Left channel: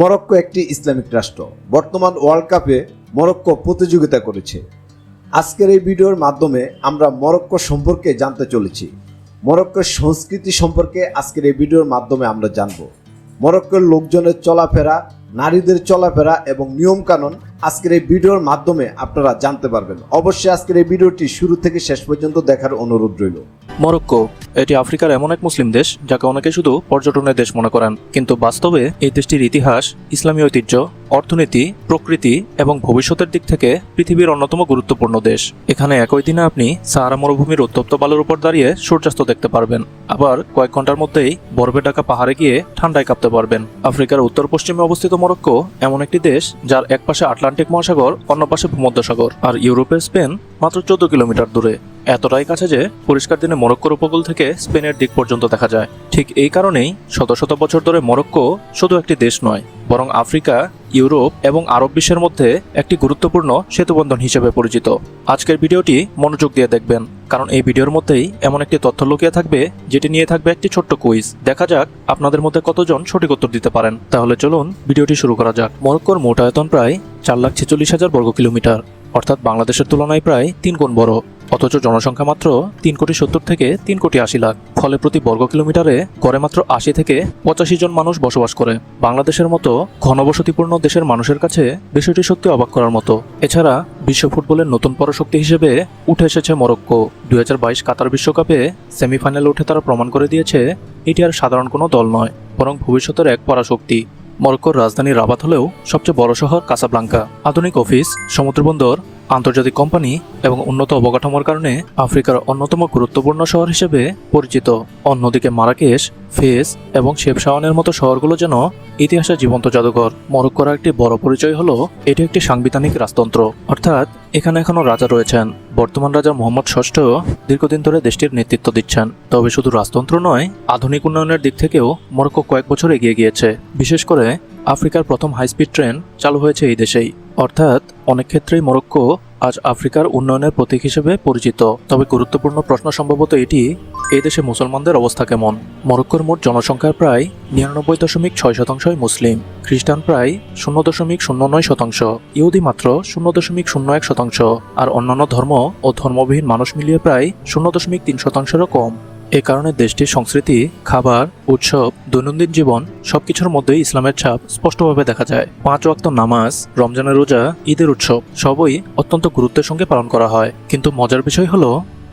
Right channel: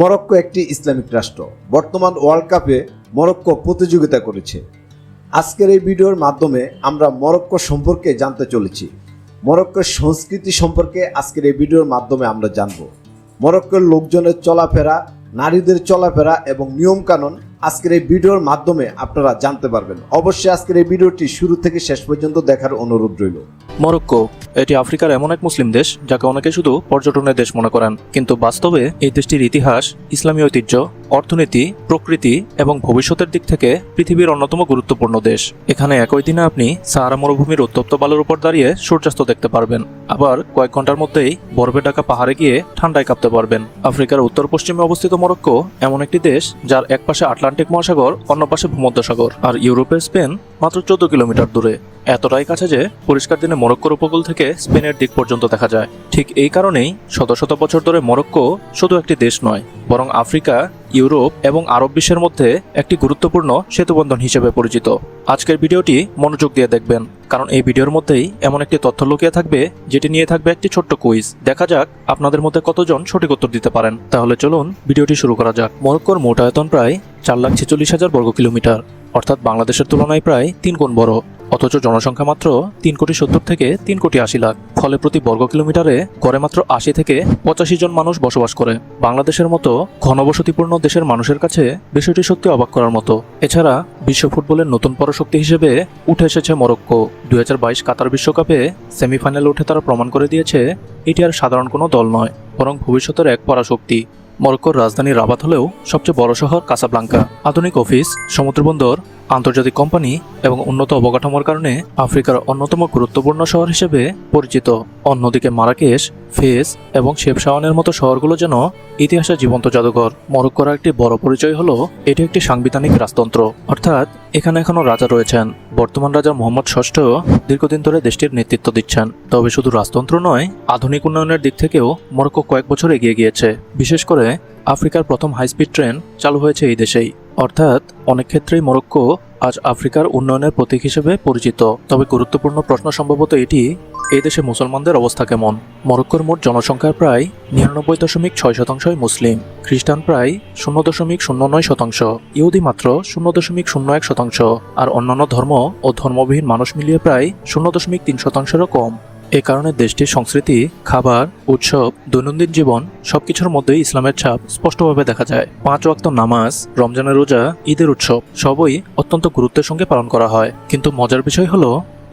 Morocco একটি Islamic রাষ্ট্র। বর্তমান ওয়ার্ল্ড কাপে মরক্কো প্রতিযোগিতা করেছে। আজকের এই ভিডিওর মাধ্যমে আমরা মরক্কো সম্পর্কে জানতে চলেছি। মরক্কোর সংস্কৃতি সম্পর্কে আজকের এই ভিডিওর মাধ্যমে আমরা জানব। মরক্কোর লোকজনের চলাফেরা, নারীদের চলাফেরা এবং নিয়ম কানুন আজকের এই ভিডিওর মাধ্যমে আপনারা জানতে পারবেন। অবশ্যই আজকের এই ভিডিওটি শুরু থেকে শেষ পর্যন্ত দেখার অনুরোধ রইল। মরক্কো এটি আফ্রিকার এমন এক মুসলিম দেশ যাকে অনেকে শুধু পর্যটনের দেশ মনে করেন, কিন্তু বাস্তবে এই দেশটির ইতিহাস, ইসলামী ঐতিহ্য, অর্থনীতি, প্রকৃতি এবং ভবিষ্যতের দিক থেকে পৃথিবীর অন্যতম গুরুত্বপূর্ণ দেশ। এখানে একই দিনে আপনি সাহারা মরুভূমির উত্তপ্ত বালুর উপর দাঁড়িয়ে সূর্যাস্ত দেখতে পারবেন, আবার কয়েক ঘন্টার মধ্যেই বরফে ঢাকা পাহাড়ে গিয়ে ঠান্ডায় কাঁপতে পারবেন। আফ্রিকার উত্তর পশ্চিমে অবস্থিত মরক্কো এমন একটি দেশ যার এক পাশে আটলান্টিক মহাসাগর, অন্য পাশে ভূমধ্যসাগর, আর ইউরোপের স্পেন মাত্র 14 কিলোমিটার দূরে। এতটাই কাছে যে পরিষ্কার দিনে মরক্কোর উপকূল থেকে স্পেনের দিক পর্যন্ত দেখা যায়। ঠিক এই কারণেই শত শত বছর ধরে মরক্কো শুধু একটি দেশ নয়, বরং আফ্রিকা, ইউরোপ এবং আরব বিশ্বের মধ্যে একটি গুরুত্বপূর্ণ সেতুবন্ধন হিসেবে পরিচিত। আজকের ভিডিওটি মনোযোগ দিয়ে দেখবেন, কারণ এই ভিডিওর মধ্যেই এমন একটি তথ্য লুকিয়ে থাকবে যেটি নিয়ে থাকবে একটি ছোট্ট কুইজ। দেখা যাক আপনাদের মধ্যে কতজন সঠিক উত্তর দিতে পারেন। তাহলে চলুন ভিডিওটি শুরু করা যাক। মরক্কোর মোট আয়তন প্রায় 4,46,000 বর্গ কিলোমিটার, অর্থাৎ বাংলাদেশের তুলনায় প্রায় 3 গুণ বড়। অথচ জনসংখ্যা মাত্র 3,70,00,000 থেকে 3,80,00,000। ফলে প্রতি বর্গ কিলোমিটারে গড়ে মাত্র 80 থেকে 85 জন মানুষ বসবাস করে। বাংলাদেশের মতো ঘনবসতিপূর্ণ দেশের মানুষের কাছে বিষয়টি সত্যি অবাক করার মতো। এছাড়া বিশ্ব ফুটবলের নতুন পরাশক্তি হিসেবে উঠে এসেছে মরক্কো। 2022 কাতার বিশ্বকাপে সেমিফাইনালে উঠে তারা প্রমাণ করে দিয়েছে এটি আর সাধারণ কোনো দল নয়, বরং ভবিষ্যতের এক পরাশক্তি। মরক্কোর রাজধানী রাবাত হলেও সবচেয়ে বড় শহর কাসাব্লাঙ্কা। আধুনিক অফিস, সমুদ্রবন্দর, আন্তর্জাতিক কোম্পানি এবং উন্নত অবকাঠামোর কারণে আফ্রিকার অন্যতম গুরুত্বপূর্ণ শহর হিসেবে পরিচিত। অন্যদিকে মারাকেশ, ফেস এবং শেফশাওয়ানের মতো শহরগুলো যেন ইতিহাসের জীবন্ত জাদুঘর। মরক্কোর একটি বড় পরিচয় হলো এটি একটি সাংবিধানিক রাজতন্ত্র, অর্থাৎ এখানে এখনো রাজা রয়েছেন। বর্তমান রাজা মোহাম্মদ ষষ্ঠ দীর্ঘদিন ধরে দেশটির নেতৃত্ব দিচ্ছেন। তবে শুধু রাজতন্ত্র নয়, আধুনিক উন্নয়নের দিক থেকেও মরক্কো কয়েক বছর এগিয়ে গিয়েছে। বিশেষ করে আফ্রিকার প্রথম হাইস্পিড ট্রেন চালু হয়েছে এই দেশেই। অর্থাৎ অনেক ক্ষেত্রেই মরক্কো আজ আফ্রিকার উন্নয়নের প্রতীক হিসেবে পরিচিত। তবে গুরুত্বপূর্ণ প্রশ্ন সম্ভবত এটি, এই দেশে মুসলমানদের অবস্থা কেমন? মরক্কোর মোট জনসংখ্যার প্রায় 99.6% মুসলিম, খ্রিস্টান প্রায় 0.09%, ইহুদি মাত্র 0.01%, আর অন্যান্য ধর্ম ও ধর্মবিহীন মানুষ মিলিয়ে প্রায় 0.3%-এরও কম। এ কারণে দেশটির সংস্কৃতি, খাবার, উৎসব, দৈনন্দিন জীবন সবকিছুর মধ্যেই ইসলামের ছাপ স্পষ্টভাবে দেখা যায়। 5 ওয়াক্ত নামাজ, রমজানের রোজা, ঈদের উৎসব সবই অত্যন্ত গুরুত্বের সঙ্গে পালন করা হয়। কিন্তু মজার বিষয় হলো,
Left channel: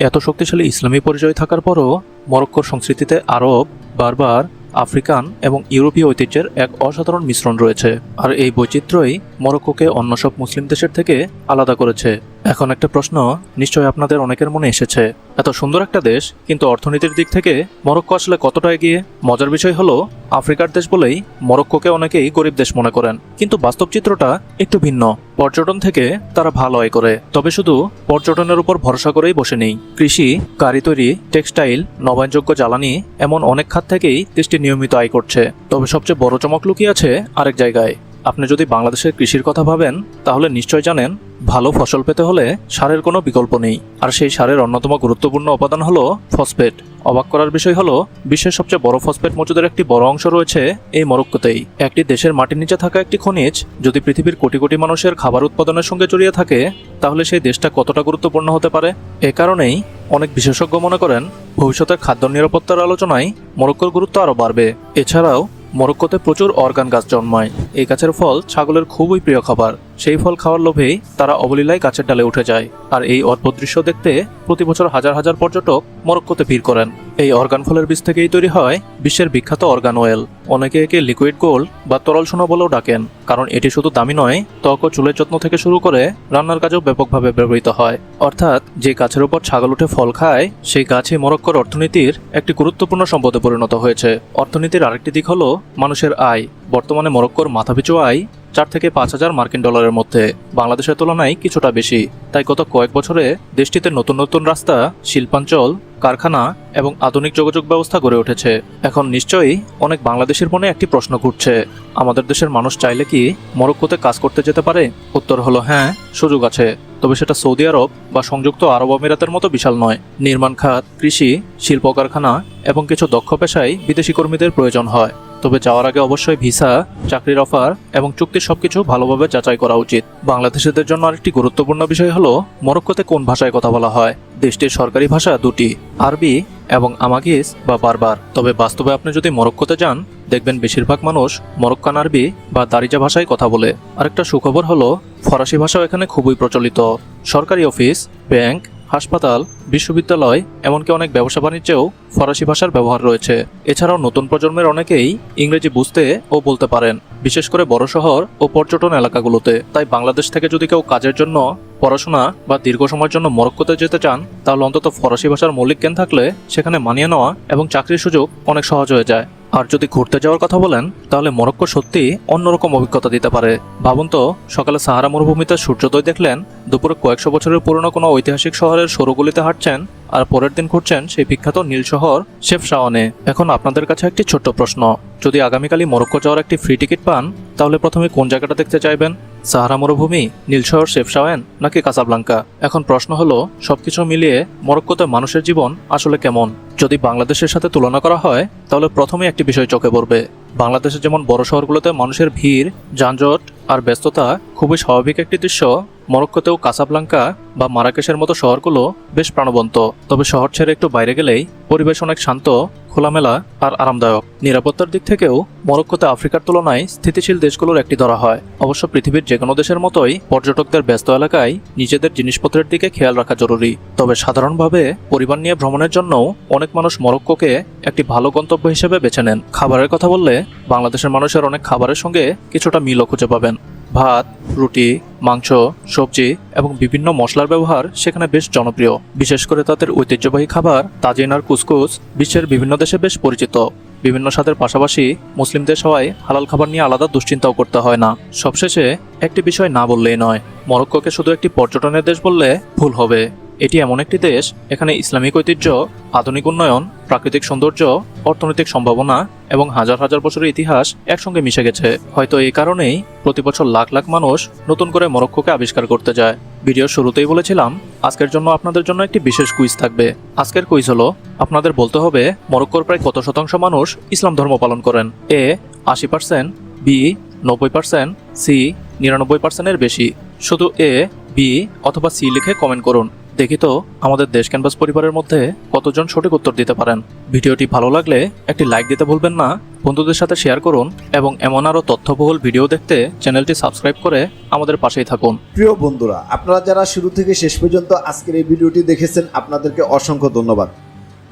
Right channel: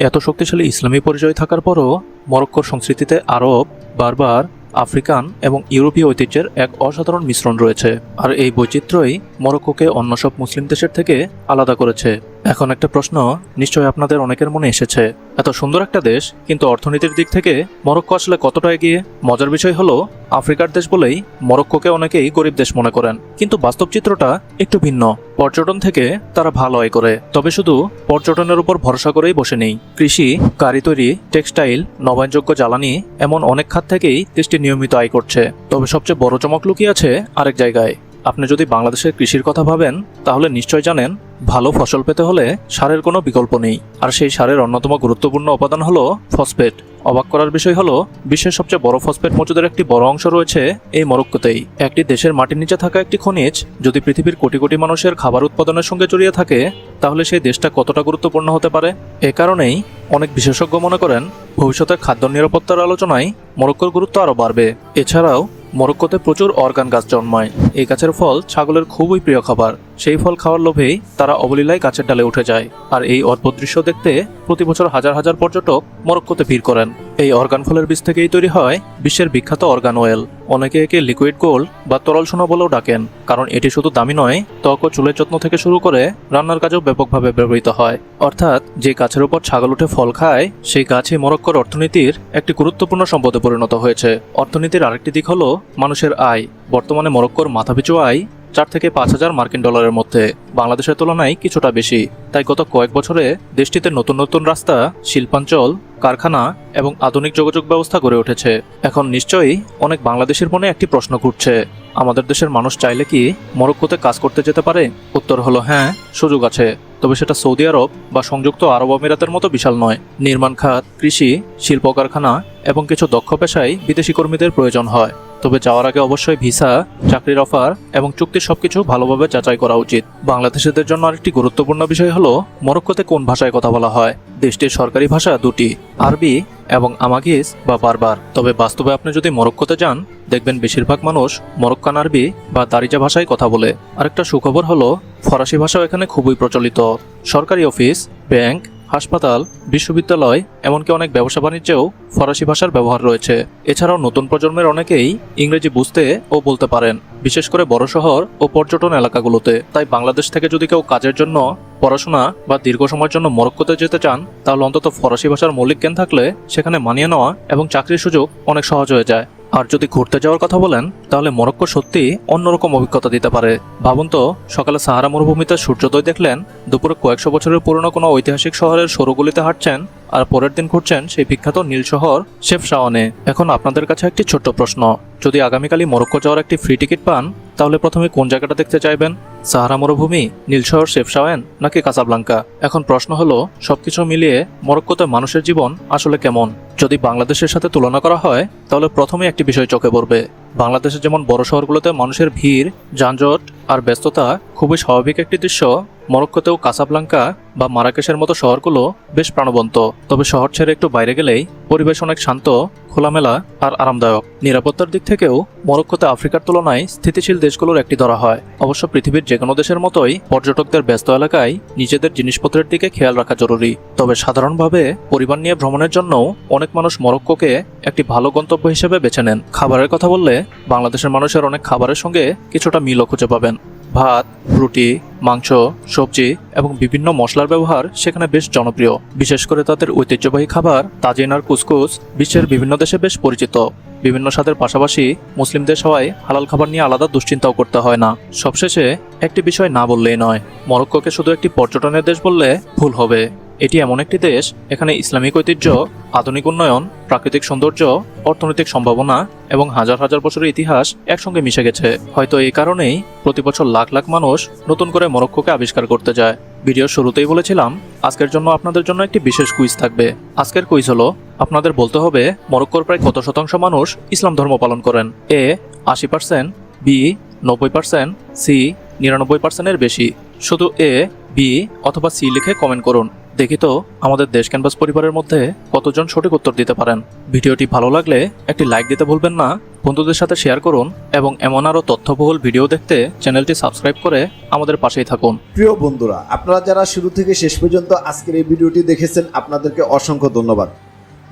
এত শক্তিশালী ইসলামী পরিচয় থাকার পরও মরক্কোর সংস্কৃতিতে আরব, বারবার, আফ্রিকান এবং ইউরোপীয় ঐতিহ্যের এক অসাধারণ মিশ্রণ রয়েছে। আর এই বৈচিত্র্যই মরক্কোকে অন্য সব মুসলিম দেশের থেকে আলাদা করেছে। এখন একটা প্রশ্ন নিশ্চয়ই আপনাদের অনেকের মনে এসেছে, এত সুন্দর একটা দেশ, কিন্তু অর্থনীতির দিক থেকে মরক্কো আসলে কতটা এগিয়ে? মজার বিষয় হলো, আফ্রিকার দেশ বলেই মরক্কোকে অনেকেই গরিব দেশ মনে করেন, কিন্তু বাস্তব চিত্রটা একটু ভিন্ন। পর্যটন থেকে তারা ভালো আয় করে, তবে শুধু পর্যটনের উপর ভরসা করেই বসে নেই। কৃষি, গাড়ি তৈরি, টেক্সটাইল, নবায়নযোগ্য জ্বালানি এমন অনেক খাত থেকেই দেশটি নিয়মিত আয় করছে। তবে সবচেয়ে বড় চমক লুকিয়ে আছে আরেক জায়গায়। আপনি যদি বাংলাদেশের কৃষির কথা ভাবেন, তাহলে নিশ্চয়ই জানেন ভালো ফসল পেতে হলে সারের কোনো বিকল্প নেই, আর সেই সারের অন্যতম গুরুত্বপূর্ণ উপাদান হলো ফসফেট। অবাক করার বিষয় হলো, বিশ্বের সবচেয়ে বড় ফসফেট মজুদের একটি বড় অংশ রয়েছে এই মরক্কোতেই। একটি দেশের মাটির নিচে থাকা একটি খনিজ যদি পৃথিবীর কোটি কোটি মানুষের খাবার উৎপাদনের সঙ্গে জড়িয়ে থাকে, তাহলে সেই দেশটা কতটা গুরুত্বপূর্ণ হতে পারে? এ কারণেই অনেক বিশেষজ্ঞ মনে করেন ভবিষ্যতের খাদ্য নিরাপত্তার আলোচনায় মরক্কোর গুরুত্ব আরো বাড়বে। এছাড়াও মরক্কোতে প্রচুর অর্গান গাছ জন্মায়। এই গাছের ফল ছাগলের খুবই প্রিয় খাবার। সেই ফল খাওয়ার লোভেই তারা অবলীলায় গাছের ডালে উঠে যায়। আর এই অদ্ভুত দৃশ্য দেখতে প্রতি বছর হাজার হাজার পর্যটক মরক্কোতে ভিড় করেন। এই অর্গান ফলের বীজ থেকেই তৈরি হয় বিশ্বের বিখ্যাত অর্গান অয়েল। অনেকে একে লিকুইড গোল্ড বা তরল সোনা বলেও ডাকেন, কারণ এটি শুধু দামি নয়, ত্বক ও চুলের যত্ন থেকে শুরু করে রান্নার কাজেও ব্যাপকভাবে ব্যবহৃত হয়। অর্থাৎ যে গাছের উপর ছাগল উঠে ফল খায়, সেই গাছে মরক্কোর অর্থনীতির একটি গুরুত্বপূর্ণ সম্পদে পরিণত হয়েছে। অর্থনীতির আরেকটি দিক হলো মানুষের আয়। বর্তমানে মরক্কোর মাথাপিছু আয় 4 থেকে 5,000 মার্কিন ডলারের মধ্যে, বাংলাদেশের তুলনায় কিছুটা বেশি। তাই গত কয়েক বছরে দেশটিতে নতুন নতুন রাস্তা, শিল্পাঞ্চল, কারখানা এবং আধুনিক যোগাযোগ ব্যবস্থা গড়ে উঠেছে। এখন নিশ্চয়ই অনেক বাংলাদেশের মনে একটি প্রশ্ন করছে, আমাদের দেশের মানুষ চাইলে কি মরক্কোতে কাজ করতে যেতে পারে? উত্তর হলো হ্যাঁ, সুযোগ আছে। তবে সেটা সৌদি আরব বা সংযুক্ত আরব আমিরাতের মতো বিশাল নয়। নির্মাণ খাত, কৃষি, শিল্প কারখানা এবং কিছু দক্ষ পেশায় বিদেশি কর্মীদের প্রয়োজন হয়। তবে যাওয়ার আগে অবশ্যই ভিসা, চাকরির অফার এবং চুক্তির সবকিছু ভালোভাবে যাচাই করা উচিত। বাংলাদেশিদের জন্য আরেকটি গুরুত্বপূর্ণ বিষয় হলো মরক্কোতে কোন ভাষায় কথা বলা হয়। দেশটির সরকারি ভাষা দুটি, আরবি এবং আমাগিস বা বারবার। তবে বাস্তবে আপনি যদি মরক্কোতে যান, দেখবেন বেশিরভাগ মানুষ মরক্কান আরবি বা দারিজা ভাষায় কথা বলে। আরেকটা সুখবর হলো ফরাসি ভাষাও এখানে খুবই প্রচলিত। সরকারি অফিস, ব্যাংক, হাসপাতাল, বিশ্ববিদ্যালয় এমনকি অনেক ব্যবসা বাণিজ্যেও ফরাসি ভাষার ব্যবহার রয়েছে। এছাড়াও নতুন প্রজন্মের অনেকেই ইংরেজি বুঝতে ও বলতে পারেন, বিশেষ করে বড় শহর ও পর্যটন এলাকাগুলোতে। তাই বাংলাদেশ থেকে যদি কেউ কাজের জন্য, পড়াশোনা বা দীর্ঘ সময়ের জন্য মরক্কোতে যেতে চান, তাহলে অন্তত ফরাসি ভাষার মৌলিক জ্ঞান থাকলে সেখানে মানিয়ে নেওয়া এবং চাকরির সুযোগ অনেক সহজ হয়ে যায়। আর যদি ঘুরতে যাওয়ার কথা বলেন, তাহলে মরক্কো সত্যি অন্যরকম অভিজ্ঞতা দিতে পারে। ভাবুন তো, সকালে সাহারা মরুভূমিতে সূর্যোদয় দেখলেন, দুপুরে কয়েকশো বছরের পুরনো কোনো ঐতিহাসিক শহরের সরগলিতে হাঁটছেন, আর পরের দিন ঘুরছেন সেই বিখ্যাত নীল শহর শেফশাওয়ানে। এখন আপনাদের কাছে একটি ছোট্ট প্রশ্ন, যদি আগামীকালই মরক্কো যাওয়ার একটি ফ্রি টিকিট পান, তাহলে প্রথমে কোন জায়গাটা দেখতে চাইবেন? সাহারা মরুভূমি, নীল শহর শেফশাওয়ান নাকি কাসাব্লাঙ্কা? এখন প্রশ্ন হলো, সবকিছু মিলিয়ে মরক্কোতে মানুষের জীবন আসলে কেমন? যদি বাংলাদেশের সাথে তুলনা করা হয়, তাহলে প্রথমেই একটি বিষয় চোখে পড়বে। বাংলাদেশে যেমন বড় শহরগুলোতে মানুষের ভিড়, যানজট আর ব্যস্ততা খুবই স্বাভাবিক একটি দৃশ্য, মরক্কোতেও কাসাব্লাঙ্কা বা মারাকেশের মতো শহরগুলো বেশ প্রাণবন্ত। তবে শহর ছেড়ে একটু বাইরে গেলেই পরিবেশ অনেক শান্ত, খোলামেলা আর আরামদায়ক। নিরাপত্তার দিক থেকেও মরক্কোতে আফ্রিকার তুলনায় স্থিতিশীল দেশগুলোর একটি ধরা হয়। অবশ্য পৃথিবীর যে কোনো দেশের মতোই পর্যটকদের ব্যস্ত এলাকায় নিজেদের জিনিসপত্রের দিকে খেয়াল রাখা জরুরি। তবে সাধারণভাবে পরিবার নিয়ে ভ্রমণের জন্য অনেক মানুষ মরক্কোকে একটি ভালো গন্তব্য হিসেবে বেছে নেন। খাবারের কথা বললে বাংলাদেশের মানুষের অনেক খাবারের সঙ্গে কিছুটা মিলও খুঁজে পাবেন। ভাত, রুটি, মাংস, সবজি এবং বিভিন্ন মশলার ব্যবহার সেখানে বেশ জনপ্রিয়। বিশেষ করে তাদের ঐতিহ্যবাহী খাবার তাজিন আর কুসকুস বিশ্বের বিভিন্ন দেশে বেশ পরিচিত। বিভিন্ন স্বাদের পাশাপাশি মুসলিমদের সবাই হালাল খাবার নিয়ে আলাদা দুশ্চিন্তাও করতে হয় না। সবশেষে একটি বিষয় না বললেই নয়, মরক্কোকে শুধু একটি পর্যটনের দেশ বললে ভুল হবে। এটি এমন একটি দেশ, এখানে ইসলামিক ঐতিহ্য, আধুনিক উন্নয়ন, প্রাকৃতিক সৌন্দর্য, অর্থনৈতিক সম্ভাবনা এবং হাজার হাজার বছরের ইতিহাস একসঙ্গে মিশে গেছে। হয়তো এই কারণেই প্রতি বছর লাখ লাখ মানুষ নতুন করে মরক্কোকে আবিষ্কার করতে যায়। ভিডিওর শুরুতেই বলেছিলাম, আজকের জন্য আপনাদের জন্য একটি বিশেষ কুইজ থাকবে। আজকের কুইজ হলো, আপনাদের বলতে হবে মরক্কোর প্রায় কত শতাংশ মানুষ ইসলাম ধর্ম পালন করেন। এ 80%, বি 90%, সি 99%-এর বেশি। শুধু এ, বি অথবা সি লিখে কমেন্ট করুন। দেখি তো আমাদের দেশ ক্যানভাস পরিবারের মধ্যে কতজন সঠিক উত্তর দিতে পারেন। ভিডিওটি ভালো লাগলে একটি লাইক দিতে ভুলবেন না, বন্ধুদের সাথে শেয়ার করুন এবং এমন আরো তথ্যবহুল ভিডিও দেখতে চ্যানেলটি সাবস্ক্রাইব করে আমাদের পাশেই থাকুন। প্রিয় বন্ধুরা, আপনারা যারা শুরু থেকে শেষ পর্যন্ত আজকের এই ভিডিওটি দেখেছেন, আপনাদেরকে অসংখ্য ধন্যবাদ।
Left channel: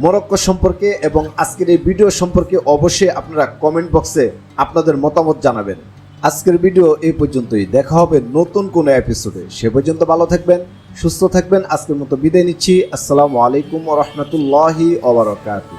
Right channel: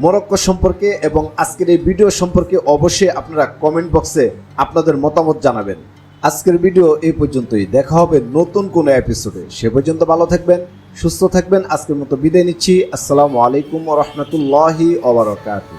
মরক্কো সম্পর্কে এবং আজকের এই ভিডিও সম্পর্কে অবশ্যই আপনারা কমেন্ট বক্সে আপনাদের মতামত জানাবেন। আজকের ভিডিও এই পর্যন্তই, দেখা হবে নতুন কোনো এপিসোডে। সে পর্যন্ত ভালো থাকবেন, সুস্থ থাকবেন। আজকের মতো বিদায় নিচ্ছি। আসসালামু আলাইকুম ওয়া রাহমাতুল্লাহি ওয়া বারাকাতুহু।